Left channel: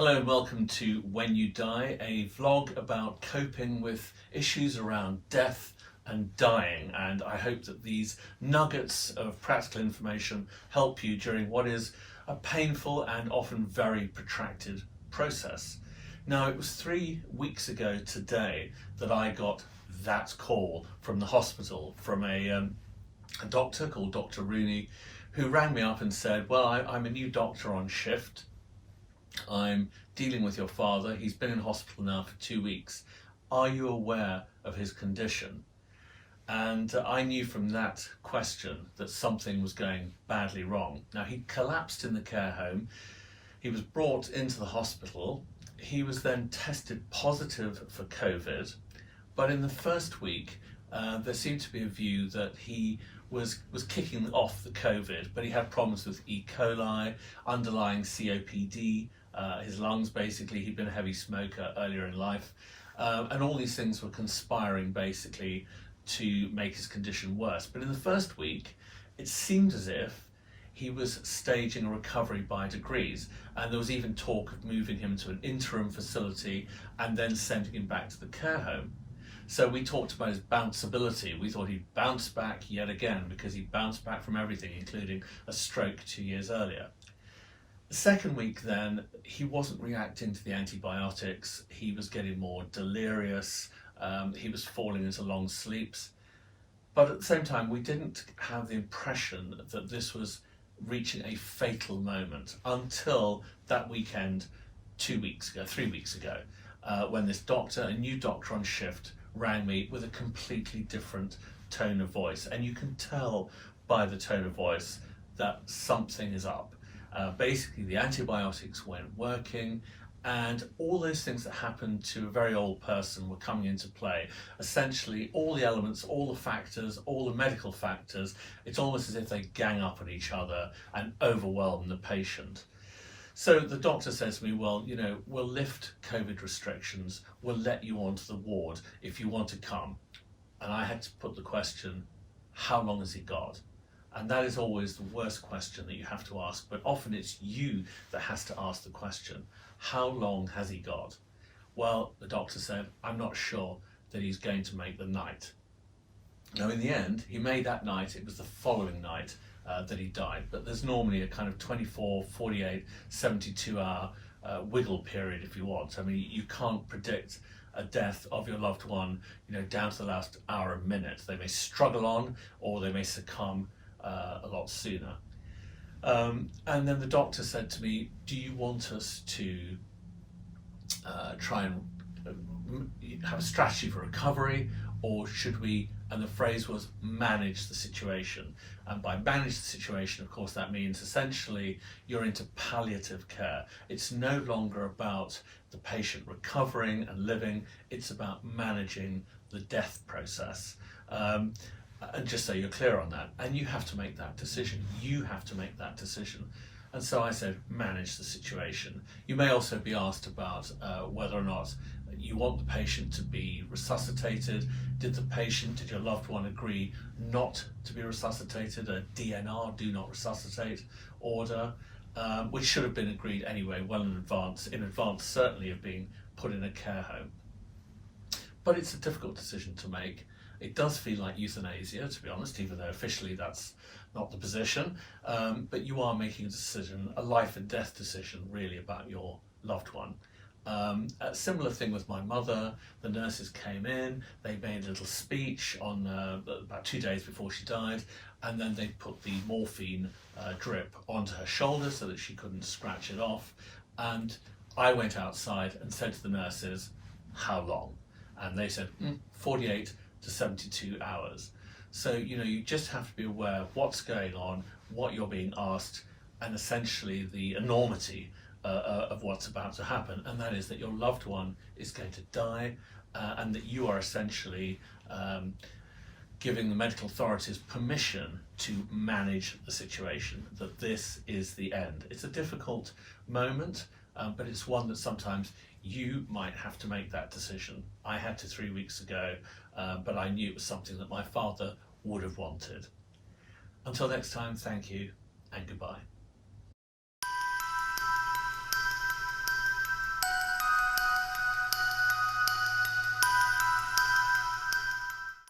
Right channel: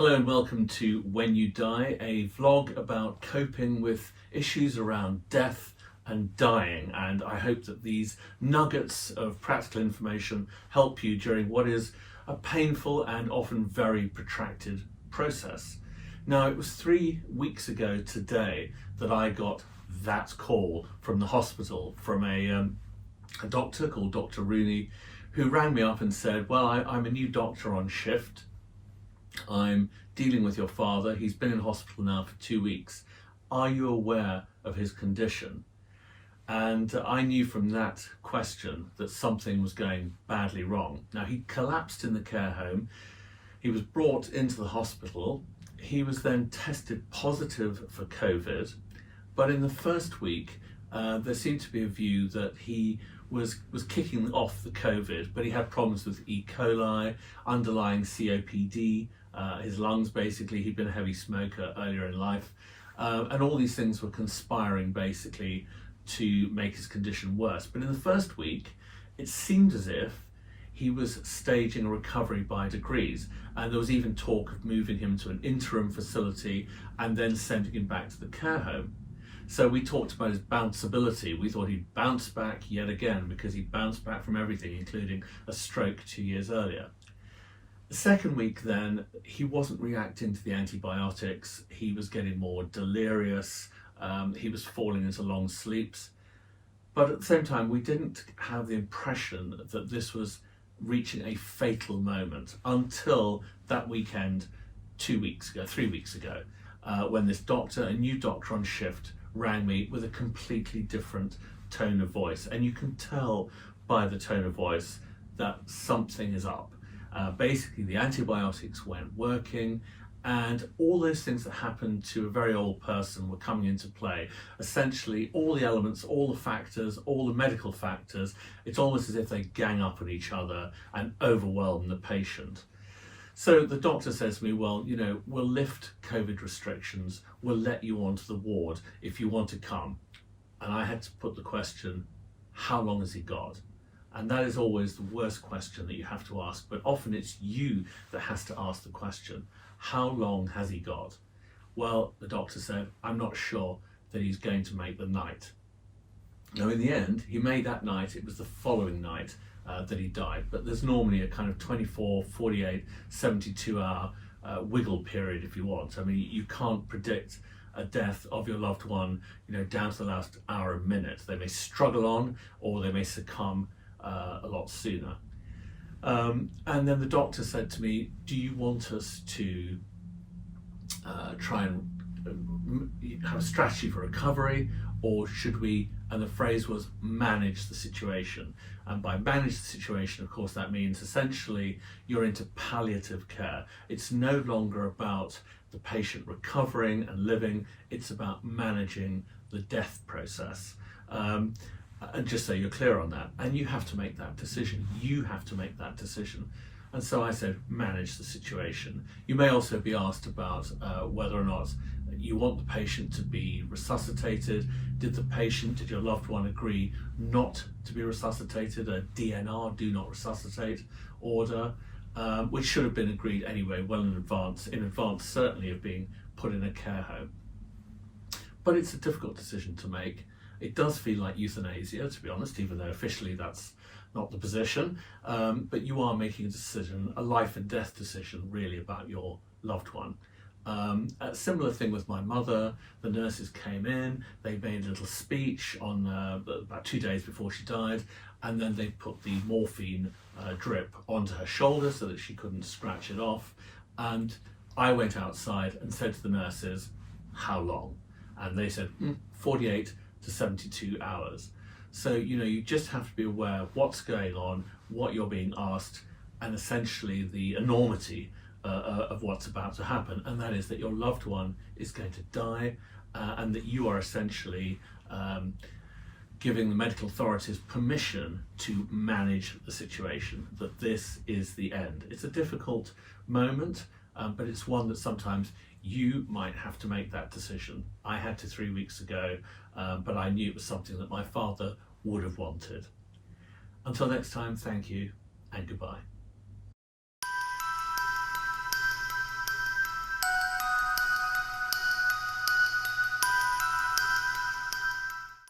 Hello and welcome to When You Die, a vlog about coping with issues around death and dying, and I hope that these nuggets of practical information help you during what is a painful and often very protracted process. Now, it was 3 weeks ago today that I got that call from the hospital from a doctor called Dr. Rooney, who rang me up and said, well, I'm a new doctor on shift. I'm dealing with your father. He's been in hospital now for 2 weeks. Are you aware of his condition? And I knew from that question that something was going badly wrong. Now, he collapsed in the care home. He was brought into the hospital. He was then tested positive for COVID. But in the first week, there seemed to be a view that he was kicking off the COVID, but he had problems with E. coli, underlying COPD, his lungs basically. He'd been a heavy smoker earlier in life, and all these things were conspiring basically to make his condition worse. But in the first week, it seemed as if he was staging a recovery by degrees, and there was even talk of moving him to an interim facility and then sending him back to the care home. So we talked about his bounceability. We thought he'd bounce back yet again because he bounced back from everything, including a stroke 2 years earlier. The second week then, he wasn't reacting to the antibiotics. He was getting more delirious. He was falling into long sleeps. But at the same time, we didn't have the impression that this was reaching a fatal moment until that weekend 3 weeks ago, when this doctor, a new doctor on shift, rang me with a completely different tone of voice. And you can tell by the tone of voice that something is up. Basically, the antibiotics weren't working, and all those things that happened to a very old person were coming into play. Essentially, all the elements, all the factors, all the medical factors, it's almost as if they gang up on each other and overwhelm the patient. So the doctor says to me, well, we'll lift COVID restrictions, we'll let you onto the ward if you want to come. And I had to put the question, how long has he got? And that is always the worst question that you have to ask, but often it's you that has to ask the question, how long has he got? Well, the doctor said, I'm not sure that he's going to make the night. Now, in the end, he made that night. It was the following night that he died, but there's normally a kind of 24, 48, 72-hour wiggle period if you want. I mean, you can't predict a death of your loved one, down to the last hour and minute. They may struggle on, or they may succumb a lot sooner. And then the doctor said to me, do you want us to try and have a strategy for recovery, or should we, and the phrase was, manage the situation? And by manage the situation, of course, that means essentially you're into palliative care. It's no longer about the patient recovering and living, it's about managing the death process. And just so you're clear on that, and you have to make that decision. You have to make that decision. And so I said, manage the situation. You may also be asked about whether or not you want the patient to be resuscitated. Did your loved one agree not to be resuscitated? A DNR, do not resuscitate order, which should have been agreed anyway, well in advance certainly of being put in a care home. But it's a difficult decision to make. It does feel like euthanasia, to be honest, even though officially that's not the position. But you are making a decision, a life and death decision, really, about your loved one. A similar thing with my mother. The nurses came in, they made a little speech on about 2 days before she died, and then they put the morphine drip onto her shoulder so that she couldn't scratch it off. And I went outside and said to the nurses, how long? And they said, 48 to 72 hours. So, you just have to be aware of what's going on, what you're being asked, and essentially the enormity of what's about to happen. And that is that your loved one is going to die, and that you are essentially giving the medical authorities permission to manage the situation, that this is the end. It's a difficult moment, but it's one that sometimes you might have to make that decision. I had to 3 weeks ago, but I knew it was something that my father would have wanted. Until next time, thank you and goodbye.